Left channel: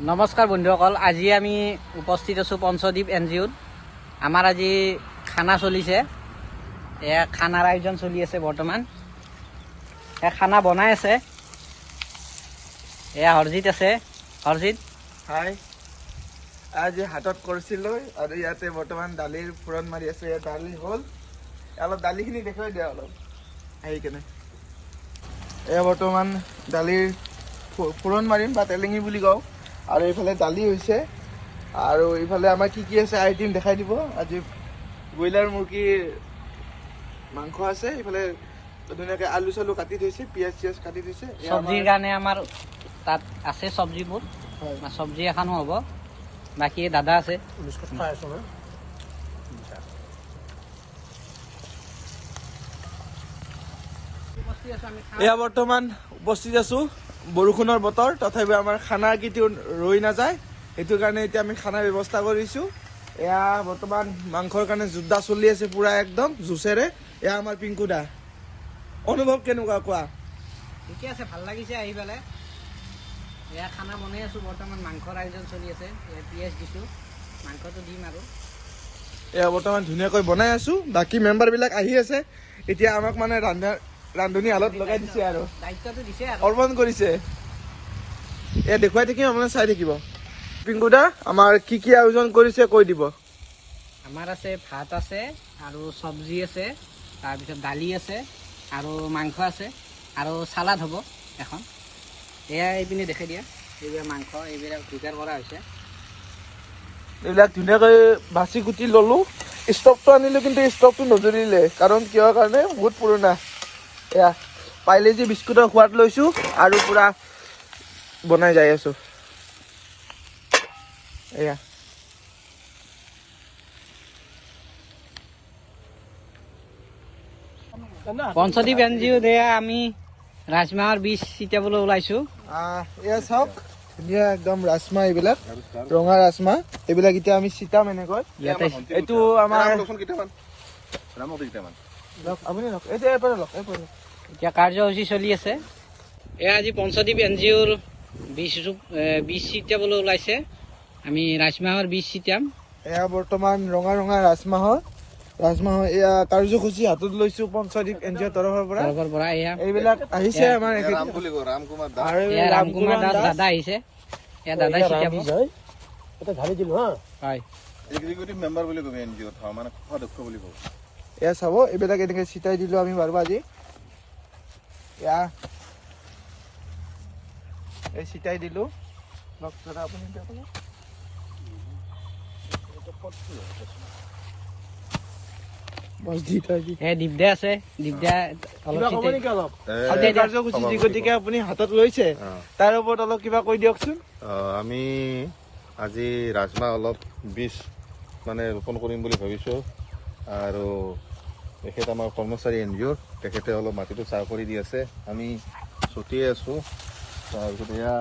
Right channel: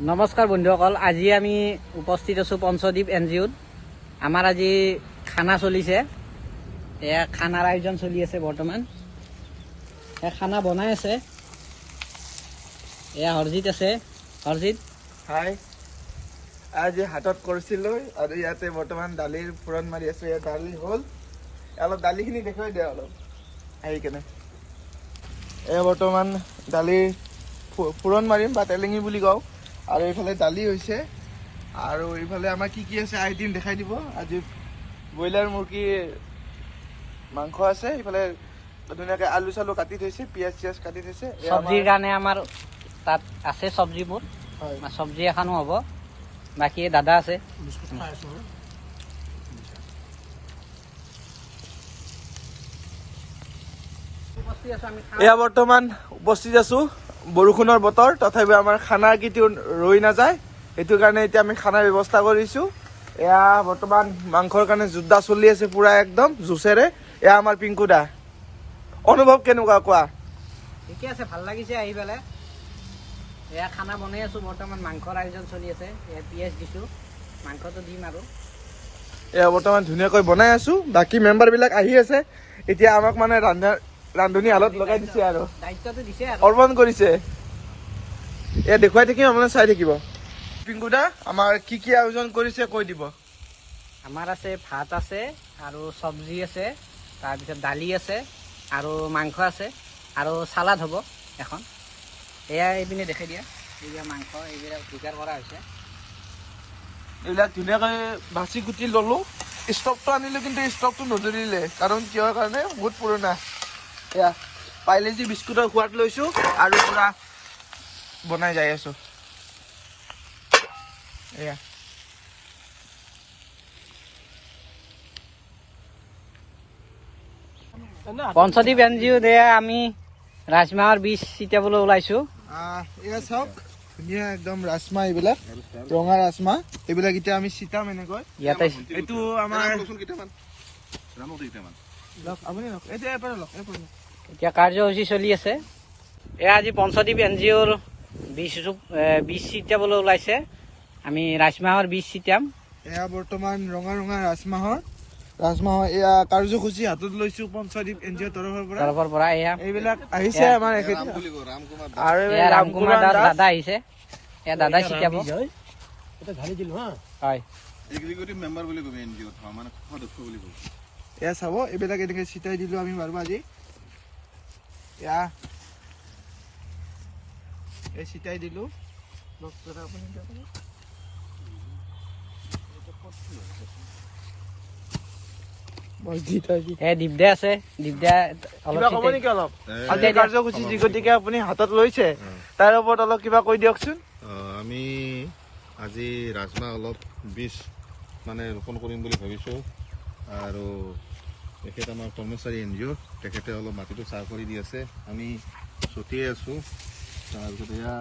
নমস্কাৰ বন্ধুসকল, আজি আমি উপস্থিত আছোঁ পঞ্চদ্বীপ NGOত। আমাৰ আজি খানা চলিছে, এয়া খানাৰ আয়োজন চলি আছে বৰ্তমান। এয়া খানা বনাই আছে, এয়া হৰজিত আছে। হৰজিত হাই, আজি হাতত কৰিছিলোঁ আৰু ইয়াতে বৰ্তমান দালিৰ ফুৰণ মাৰি আছোঁ। ইয়াত দালি হ'ল, অলপ দালিখিনি দেখুৱাই দিয়া অলপ আহি কেনে। এয়া বৰ্তমান দালিৰ ফুৰণ মাৰিম বা তেলেঙি বুলি কওঁ। আৰু এইফালে দালি হৈছে আৰু এইফালে আমাৰ কি কি আছে আইটেম দেখাই দিব। আজি ব্ৰইলাৰ মুৰ্গীৰ মাংস আছে, এইফালে ধুনীয়াকৈ আলু চালু কাটি থৈছে, পিঁয়াজ চিয়াজ কাটি থৈছে। চব্জিৰ কাৰণে আমাৰ তাত আছে চব্জিবোৰ, চব্জি এখনো হ'ব। বাকী দাদা আছে। এয়া বৰ্তমান উপস্থিত আছো, বৰষুণৰ বতৰ, তথাপিও আমাৰ খানা কেতিয়াও ৰৈ নাযায়। সেইটো কাৰণে এতিয়া আমি খানাৰ ব্যৱস্থা কৰিছো। এয়া বৰ্তমান মাংসৰ কাৰণে যোদ্ধা চলি আছে পুৰা একদম জোচেৰে। এয়া আমাৰ পিংকু দা, অনুভৱ কেনেকুৱা কোৱা? ঠিকে আছে, ভাল লাগিছে আহি পেলাই। এয়া খানা বনাই আছোঁ বৰ্তমান, মাংসৰ আয়োজন চলি আছে। এয়া পিঁয়াজ দিছোঁ, মাংসটো দিম আৰু। এয়া বৰ্তমান ধুনীয়াকৈ বনাই আছো, বাকী মেম্বাৰ বিলাক আহি আছে। এতিয়া আমাক মানে ৰান্ধনী হালত লগাই দিছে আৰু দায়িত্বটো দিছে আৰু অৰ্পণ কৰিছে। এয়া দেখুৱাই থাকিম, আপোনালোকে চাই থাকিব। পিংকু দা, আমাৰ কি কি আয়োজন কৰিছে কৈ দিব। আমাৰ আছে ভাত আছে আৰু চব্জি আছে, তাৰপিছত দালি আছে আৰু মাংস আছে আৰু চালাড হ'ব এখন। এয়া এইপিনে দেখাই দিয়া, এইবিলাক মাংস, এইবিলাক যোগাৰ কৰা হৈছে। এইবিলাক ধুনীয়াকৈ বাছি কুটি ললো। ষ্টভটো আনিলো, কিন্তু ষ্টভটো নজ্বলিলে, কাৰণ কিহৰ কাৰণে? বহুত পুৰণা। এয়া পাইলেজি বিস্কুটৰ সোৱাদ লৈছো আৰু পুৰা বনাই যাই আছো। এয়া পঞ্চদ্বীপ NGOত এয়া আমি ৰাজমাহৰ বীজ ছিটিয়াবলৈ ওলাইছো। এয়া চাওক, ধুনীয়া একদম ৰাজমাহ, এইবিলাক ৰঙা ৰাজমাহ, এইবিলাক এতিয়া আমি ছিটাম এনেকৈ। এইটো আমাৰ আপুনি লওক, এইফালে লওক, এইফালে লওক। এতিয়া কাৰ্যসূচী চলি আছে। এয়া আজি পঞ্চদ্বীপ NGOৰ বীজ ছিটিয়াবলৈ ওলাইছে। আমি ৰাজমাহৰ বীজ ছিটিয়াম। এয়া বৰ্তমান ৰঙা ৰঙা ৰাজমাহৰ এয়া কাৰ্যসূচী হাতত লৈছো পঞ্চদ্বীপ NGOৰ তৰফৰ পৰা। এয়া এইবিলাক আহিছে আমাৰ এয়া ৰামকুমাৰ দাস দাদা আহিছে। এয়া দাদা ছিটিয়াব। হয়, এক্সিকিউটিভ মেম্বাৰ বুলি ক'বি NGOত, মানে সদস্য বুলি ক'ব। এয়া চাব, এইবিলাক এনেকে ছিটাই দিলো আমি বাৰু আজি। এয়া এই ছিটাই দিলো। দিব্যা আছে, দিব্যা কাৰ্যসূচী গতিকে আপুনি হাতত লৈছে, তাৰ ওপৰত অলপ কিবা কৈ দিয়কচোন। আমি আজি ৰাজমাহ অলপ বীজ মানে ৰোপণ কৰিম বুলি ভাবিছোঁ। আৰু তেখেত আমাৰ কৰ্মচাৰী NGOৰ, তেখেতে অলপ মাটিটো চাহ কৰি দি আছে, আমি ছটিয়াই আছোঁ। তাৰপিছত এয়া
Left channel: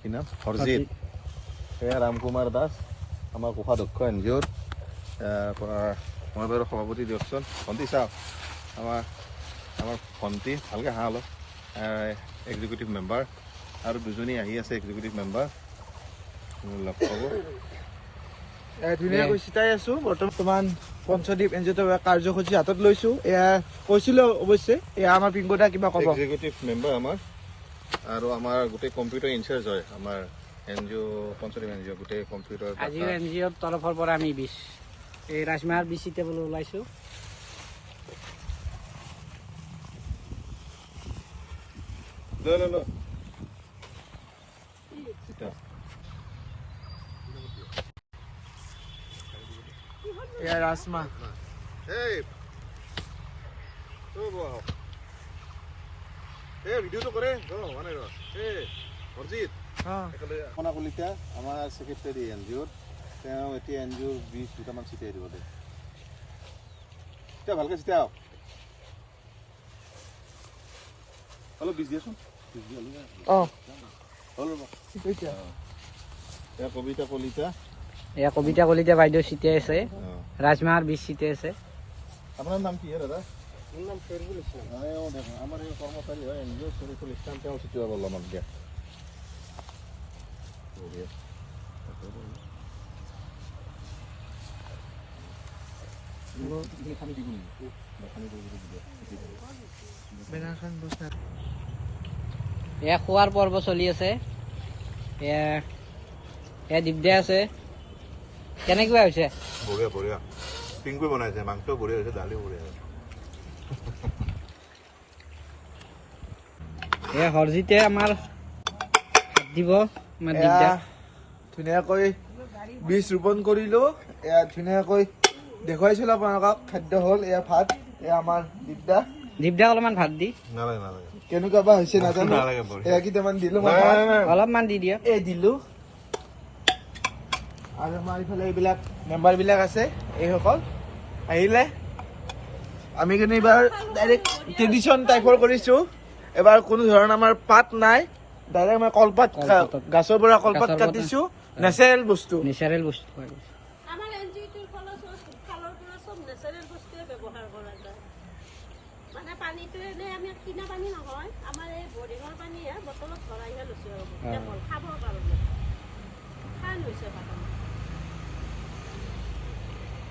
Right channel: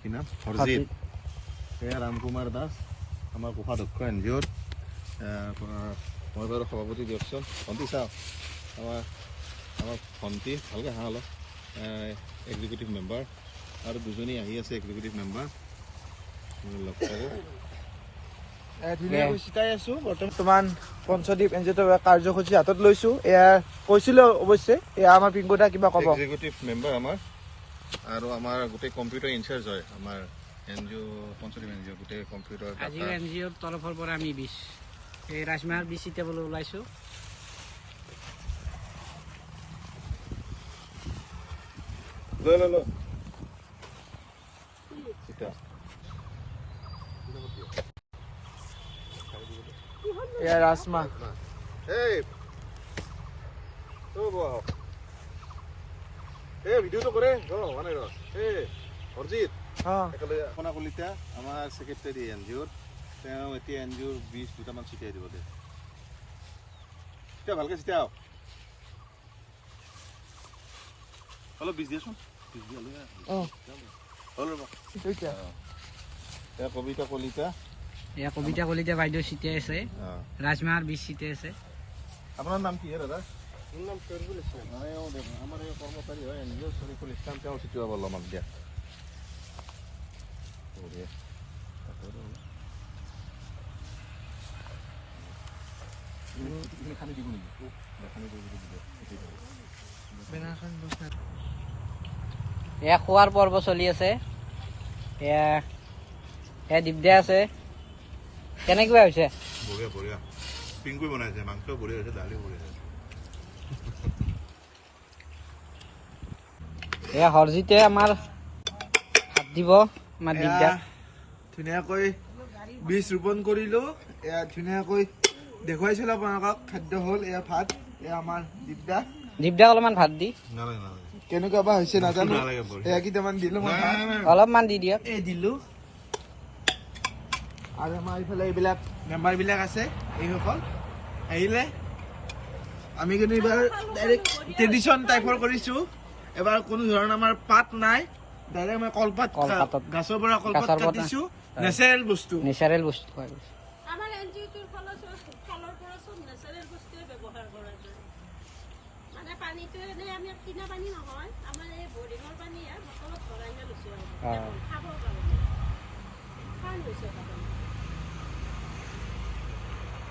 কি নাম? হৰজিত। এয়া ৰামকুমাৰ দাস, আমাৰ কোষাধ্যক্ষ NGOৰ পৰা মই বাৰু সভাপতি দিয়কচোন। ভণ্টি চাওক, আমাৰ ভণ্টি ভালকৈ হাঁহ অলপ, এক্সিকিউটিভ মেম্বাৰ আৰু দুজনী আহি আছে এক্সিকিউটিভ মেম্বাৰ, লগ পাব। ধুনীয়াকৈ চিটাই আছো। বৰ্তমান পঞ্চদ্বীপ NGOৰ কাৰ্যসূচী হাতত লৈছো। এয়া কৈছিলো অৱশ্যে, এয়া আমাৰ পিংকুদা কিবা ক'ব। এক্সিকিউটিভ মেম্বাৰ আমাৰ, আৰু আমাৰ গোটেই কম্পিউটাৰ ইনচাৰ্জ হয় আমাৰ NGO, পঞ্চদ্বীপ NGO গোটেই কম্পিউটাৰ। আজি NGOৰ তৰফৰ পৰা আমি এই ৰাজমাহৰ বীজ ছিটিয়াবলৈ ওলাইছো। এয়া ৰাজমাহ। ভিডিঅ'টো কৰে হৰজিত কলিতা, আমাৰ ছেক্ৰেটাৰী NGOৰ। তেওঁ এতিয়া NGOৰ বীজ দুটামান ছিটিয়াই দিব দে। এতিয়া ভালকৈ ছিটিয়াও, অলপ বীজ দিয়াচোন। কবিতা কলিতা, এয়া কবিতা কলিতা বাইদেউ ছিটিয়াই আছে, ৰাজমাহৰ বীজ ছিটিয়াই আছে। আপোনাৰ নাম কি দাদা? মোৰ নাম শহীদুল ইছলাম। আমাৰ এই কৰ্মচাৰী হয় NGO শহীদুল ইছলাম, তেওঁ ছিটিয়াব অলপমান দিয়া। বঢ়িয়া এয়া খোৱাৰ পৰ্ব চলি আছে। এয়া এয়া দিগদাৰ আছে। কেনেকুৱা হৈছে? বঢ়িয়া বঢ়িয়া পিংকুৱে বনাইছে, মাংস বঢ়িয়া হৈছে, দালিও বঢ়িয়া হৈছে। এয়া হৰজিতে আমাৰ ভাত দিব। আমাৰ এয়া দিগদাৰ ধুনীয়াকৈ বীজ ৰোপণ কৰিলো। এয়া ধুনীয়াকৈ দেখুৱাইছিলো আপোনালোকক। খাদ্য হ'ল এয়া ভাত, এয়া আমাৰ দিগদাৰ। দিগদাৰ অলপমান ভাত দি নালাগে নালাগে কেনেকুৱা বা হৈছে নাজানো। নালাগে, বঢ়িয়া। এয়া কেইটামান দিলো মই নাই, ভাত। নাই, নাই। অলপমান দি দিয়া। এই দিলো। আৰু আমাৰ এইফালে এইবিলাক মেম্বাৰ বিলাক আছে, এইসকল আহিলে। আমি কিন্তু এইবাৰ ডাইৰেক্ট ট্ৰেডিশ্যন টাইপৰ কৰিছো। এবাৰ কোনো ধৰণৰ আমাৰ পাত নাই, ডাইৰেক্ট আমাৰ কলপাত কলপাতত। গাছৰ পৰা কলপাত গাছৰ পৰা। কাটিছো। নেচাৰেল বস্তু। নেচাৰেল বস্তু খোৱা গৈছে। আমাৰ এনজিঅ'টোৰ ফালৰ পৰা চব নেচাৰেল বস্তুৱে ব্যৱহাৰ কৰা যায়। মানে পানীটো এনে আমি কিনা পানী নহয়, আমাৰ এই বৰিঙৰ পানীহে বটলত ভৰাইহে লৈছো আৰু খাব